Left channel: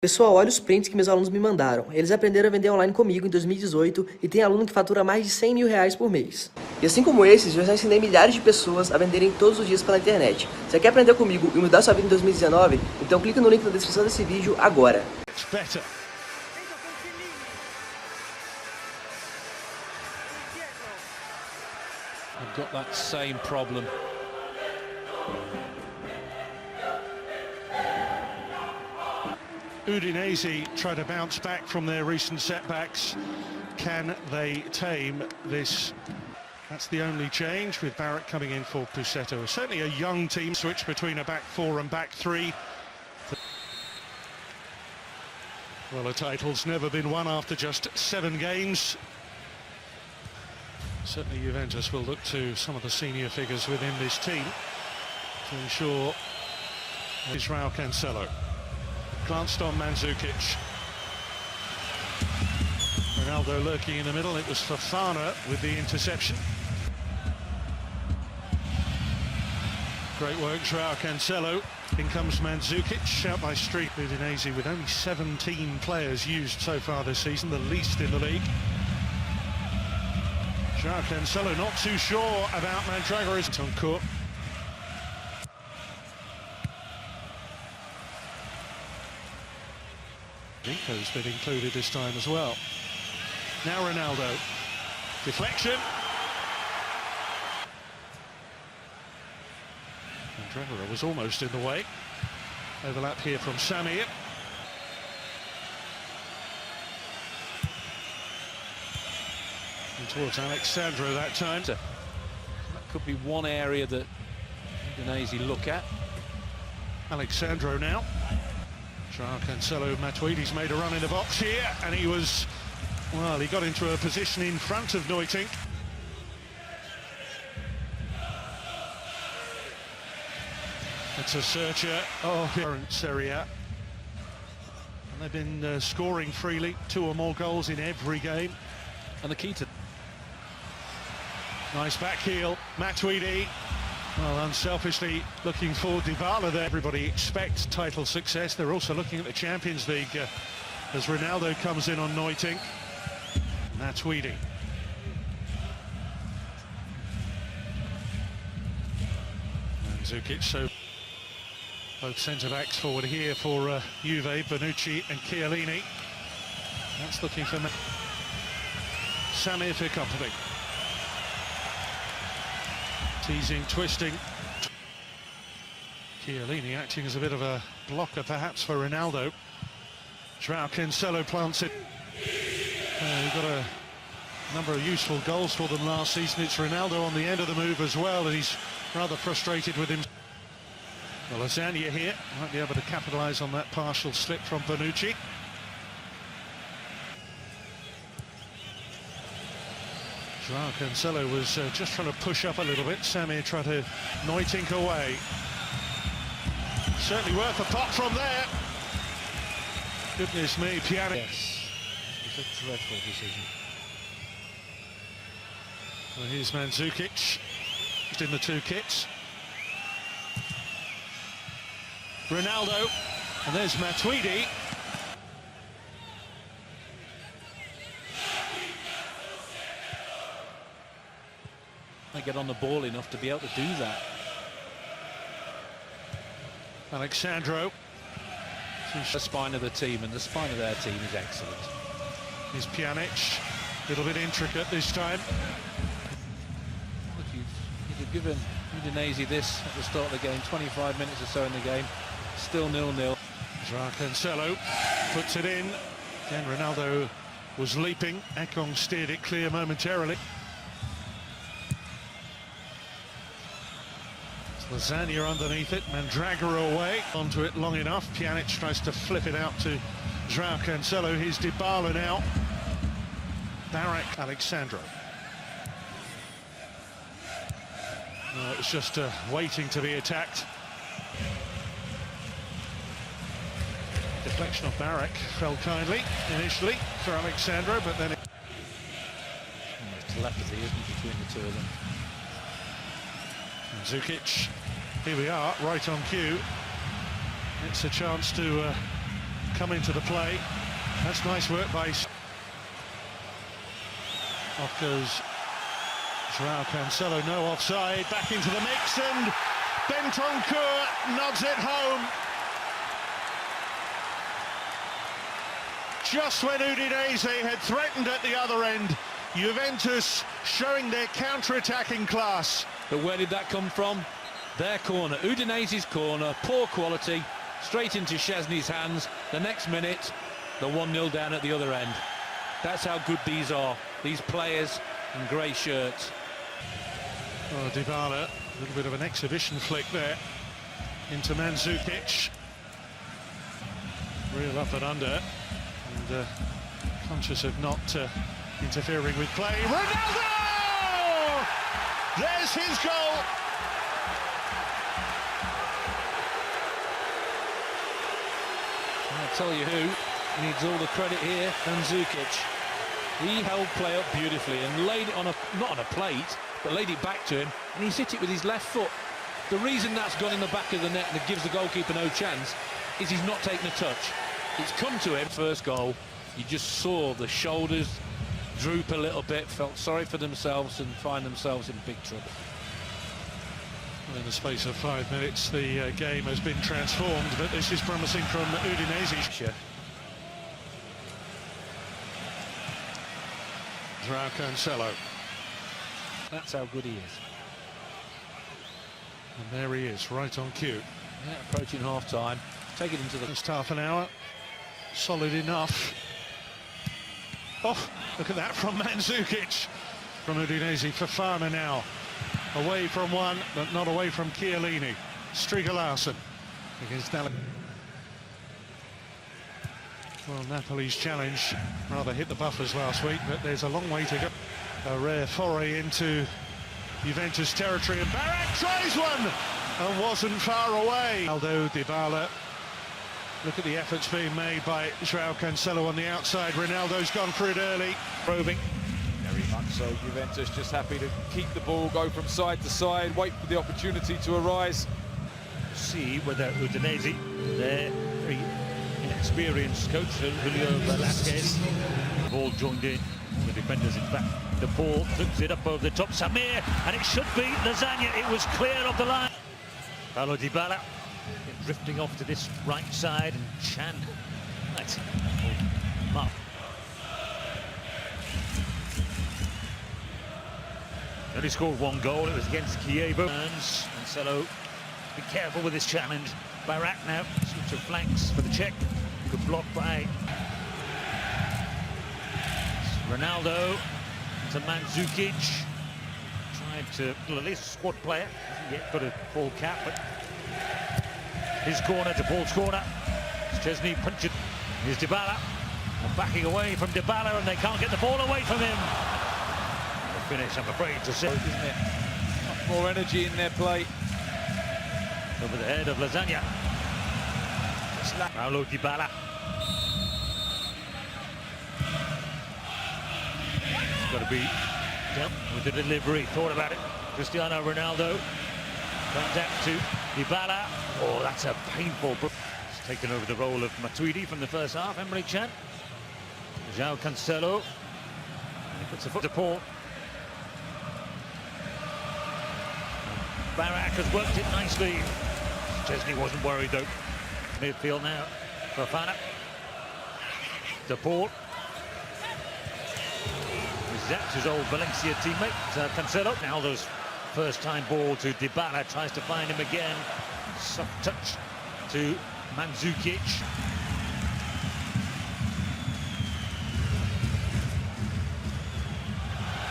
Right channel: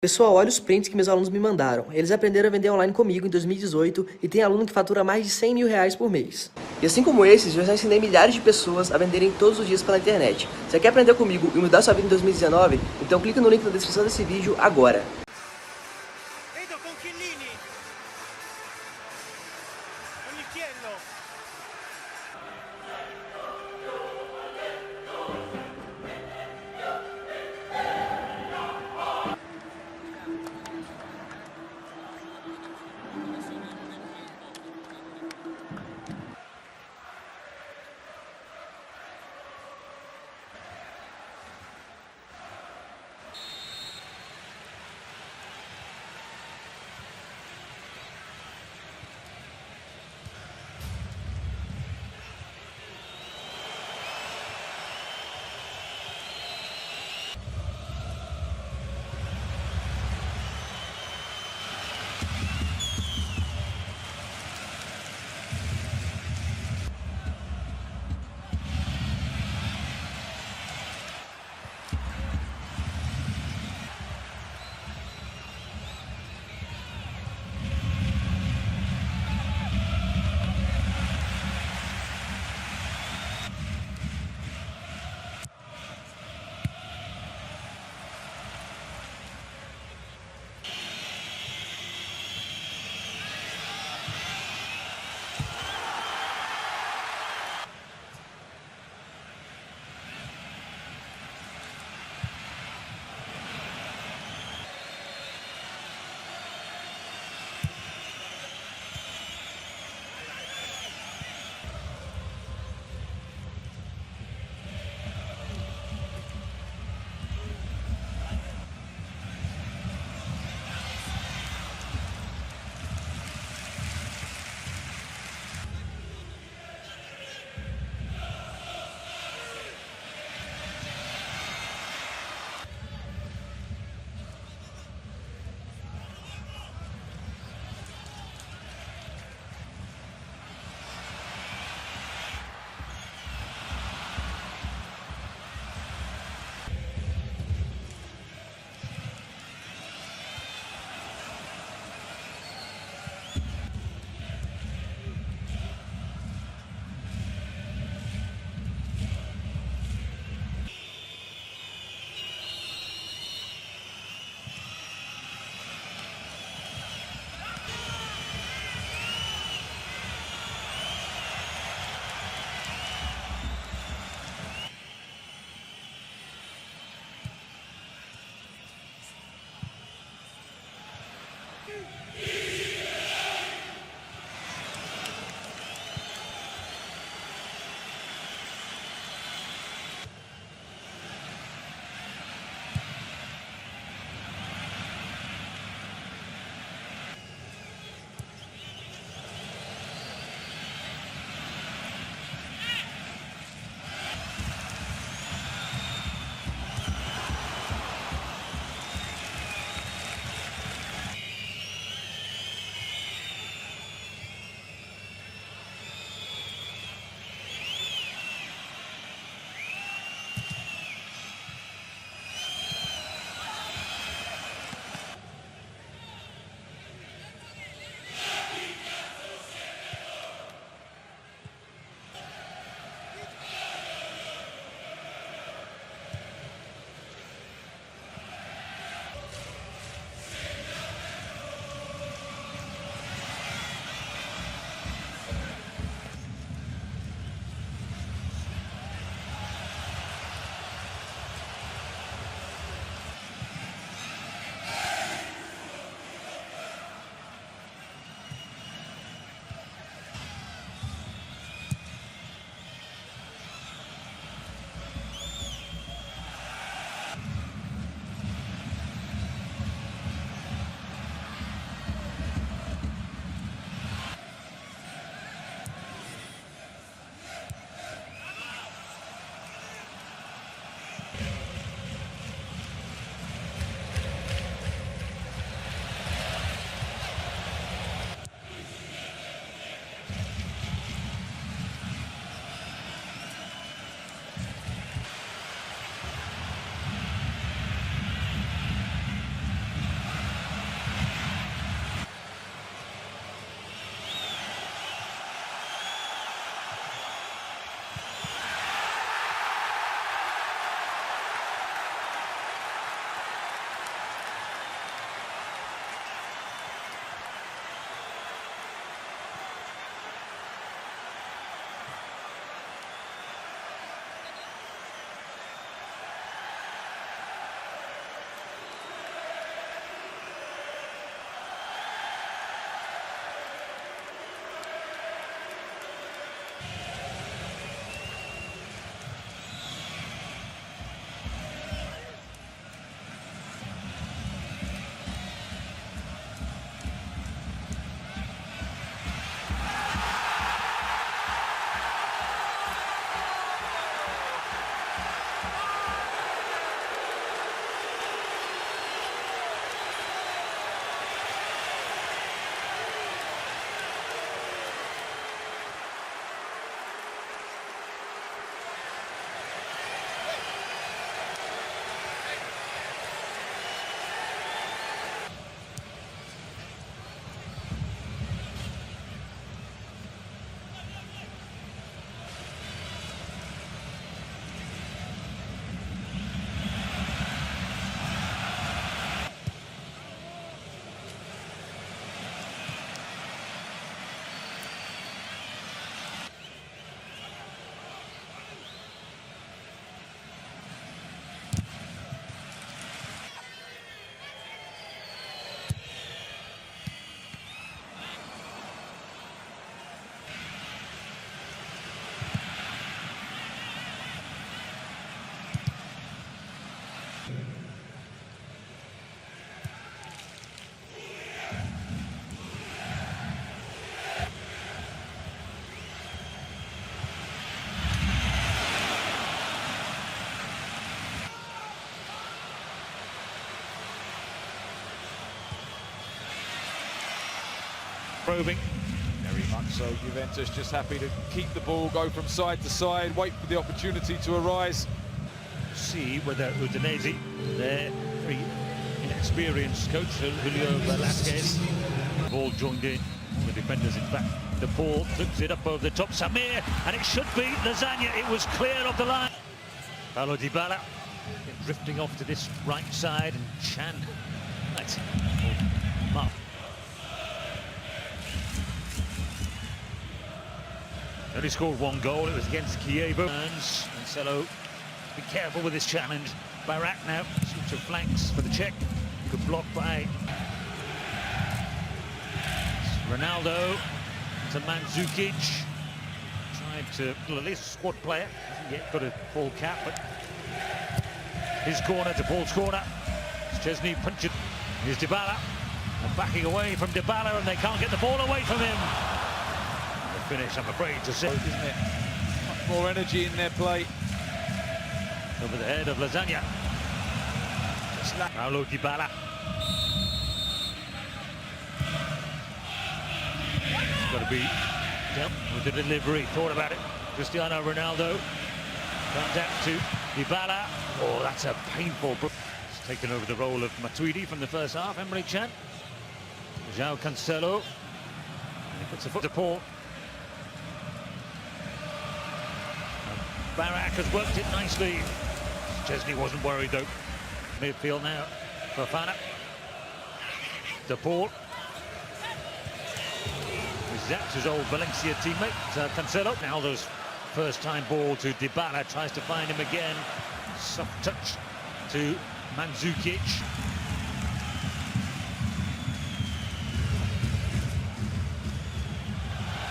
Pessoal, olha os prints que meus alunos me mandaram. Eles aprenderam a vender online comigo em 2018 e tem aluno que fatura mais de 100 mil reais por mês. E assim como esses, eu já ensinei milhares de pessoas a venderem todos os dias pela internet. Você quer aprender comigo e mudar sua vida em 2019? Então clica no link na descrição desse vídeo agora. Udinese try to bounce back from their recent setbacks. Can they tame this? That's the only change, with Barrett coming in for Pusetto. Certainly a young team, switch between a back four and back three. Well, the title's never been won after just 7 games. Certainly Juventus will look to some of the senior figures within this team to ensure Israel Cancelo. Glanced on Mandzukic. Ronaldo lurking in the middle. It was Fofana with the interception. Great work, Joao Cancelo. In comes Mandzukic, out by Street. Udinese with only 17 players used so far this season, the least in the league. Joao Cancelo not too sure about Mandragora's on court. Rico's been included this time as well. Now Ronaldo. Deflection. Mandragora was almost in the way. Overlap here from Samir. And towards Alexandro that time. That could be one area that Udinese look at. Alexandro now. Cancelo, Matuidi's made a run in the box here, and he was, well, he got into a position in front of Neutink. It's a searcher. Oh, current Serie A. And they've been scoring freely, 2 or more goals in every game. And the key to... Nice back heel, Matuidi. Well, unselfishly looking for Dybala there. Everybody expects title success. They're also looking at the Champions League as Ronaldo comes in on Neutink. Matuidi. Zukic, so both centre-backs forward here for Juve, Bonucci and Chiellini. That's looking for Samir for company. Teasing, twisting. Chiellini acting as a bit of a blocker perhaps for Ronaldo. Joao Cancelo plants it. We've got a number of useful goals for them last season. It's Ronaldo on the end of the move as well, and he's rather frustrated with him. Well, Lasagna here might be able to capitalise on that partial slip from Bonucci. Joao Cancelo was just trying to push up a little bit. Samir tried to Neutink away. Certainly worth a pot from there. Goodness me, Pjanic. Yes, it's a dreadful decision. Well, here's Mandzukic, just in the 2 kits. Ronaldo, and there's Matuidi. They get on the ball enough to be able to do that. Alexandro. The spine of the team, and the spine of their team is excellent. Here's Pjanic. A little bit intricate this time. If you've given Udinese this at the start of the game, 25 minutes or so in the game, still 0-0. Joao Cancelo puts it in. Again, Ronaldo was leaping. Ekong steered it clear momentarily. Lasagna underneath it, Mandragora away, onto it long enough. Pjanic tries to flip it out to Joao Cancelo. Here's Dybala now. Barak, Alexandro. It was just waiting to be attacked. Deflection of Barak fell kindly initially for Alexandro, but then it... Telepathy, isn't it, between the two of them? Zukic, here we are, right on cue. It's a chance to come into the play. That's nice work by... Off goes Joao Cancelo, no offside, back into the mix, and Bentancur nods it home. Just when Udinese had threatened at the other end, Juventus showing their counter-attacking class. But where did that come from? Their corner, Udinese's corner, poor quality, straight into Szczesny's hands. The next minute, the 1-0 down at the other end. That's how good these are, these players in grey shirts. Oh, Dybala, a little bit of an exhibition flick there into Mandzukic. Real up and under, and conscious of not interfering with play. Ronaldo! There's his goal! I'll tell you who needs all the credit here, Mandzukic. He held play up beautifully and laid it on not on a plate, but laid it back to him, and he's hit it with his left foot. The reason that's gone in the back of the net and it gives the goalkeeper no chance is he's not taking a touch. It's come to him. First goal, you just saw the shoulders droop a little bit, felt sorry for themselves and find themselves in big trouble. In the space of 5 minutes, the game has been transformed, but this is promising from Udinese. Joao Cancelo. That's how good he is. And there he is, right on cue. Yeah, approaching half-time. Take it into the... Just half an hour. Solid enough. Oh, look at that from Mandzukic. From Udinese, Fofana now. Away from one, but not away from Chiellini. Striga Larsen against Napoli. Well, Napoli's challenge rather hit the buffers last week, but there's a long way to go. A rare foray into Juventus territory, and Barrett tries one and wasn't far away. Ronaldo, Dybala. Look at the efforts being made by Joao Cancelo on the outside. Ronaldo's gone for it early. Probing. Very much so. Juventus just happy to keep the ball, go from side to side, wait for the opportunity to arise. See whether Udinese, their very inexperienced coach, Julio Velasquez, ball joined in. The defenders in back. The ball flips it up over the top. Samir, and it should be Lasagna. It was clear of the line. Paulo Dybala drifting off to this right side, and Chan. Right. Mark. Only scored one goal. It was against Kievo. Cancelo, be careful with this challenge. Barak now, switch of flanks for the Czech. Good block by Ronaldo to Mandzukic. Tried to, well, at least a squad player. Hasn't yet got a full cap, but his corner to Paul's corner. Szczesny punch it. Here's Dybala. And backing away from Dybala, and they can't get the ball away from him. The finish, I'm afraid to say. Isn't it? Much more energy in their play. Over the head of Lasagna. Paulo Dybala. It's got to be dealt with the delivery. Thought about it. Cristiano Ronaldo. Comes out to Dybala. Oh, that's a painful... He's taken over the role of Matuidi from the first half. Emre Can. Joao Cancelo. And he puts a foot to Paul. Barak has worked it nicely. Szczesny wasn't worried though. Midfield now. Fofana. De Paul. That's his old Valencia teammate, Cancelo. Now those first-time ball to Dybala, tries to find him again. Soft touch to Mandzukic.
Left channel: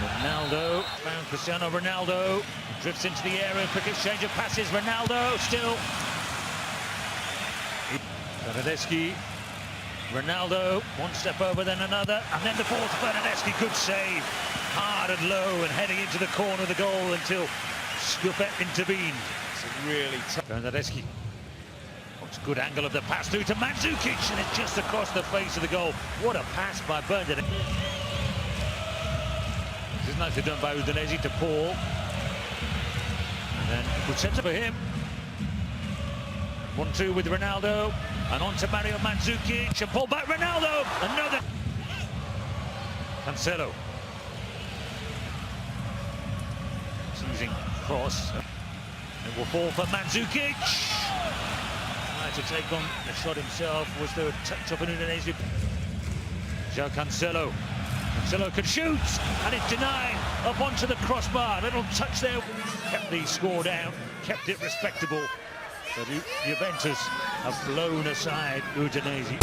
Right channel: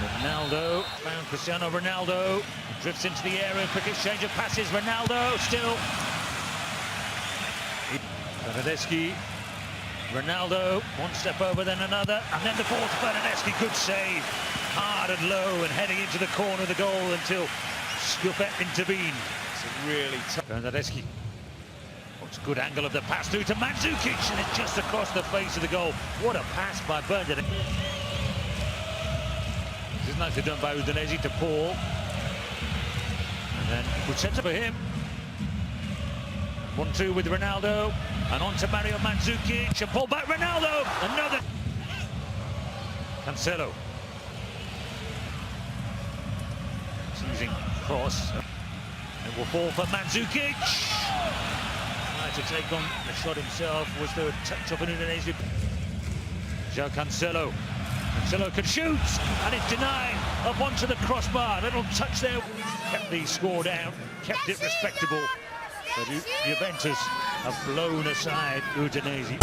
Ronaldo, found Cristiano Ronaldo. Drifts into the area, quick exchange of passes. Ronaldo still. Bernardeschi. Ronaldo, one step over, then another, and then the ball to Bernardeschi. Good save, hard and low, and heading into the corner of the goal until Scuffet intervened. It's a really tough... Bernardeschi. What's a good angle of the pass through to Mandzukic, and it's just across the face of the goal. What a pass by Bernardeschi. This is nicely done by Udinese to Paul. And then good centre for him. 1-2 with Ronaldo. And on to Mario Mandzukic, and pull back Ronaldo, another. Cancelo. Using cross. It will fall for Mandzukic. Tried to take on the shot himself. Was there a touch of an Udinese? João Cancelo. Cancelo can shoot, and it's denied up onto the crossbar. Little touch there. Kept the score down, kept it respectable. But Juventus have blown aside Udinese.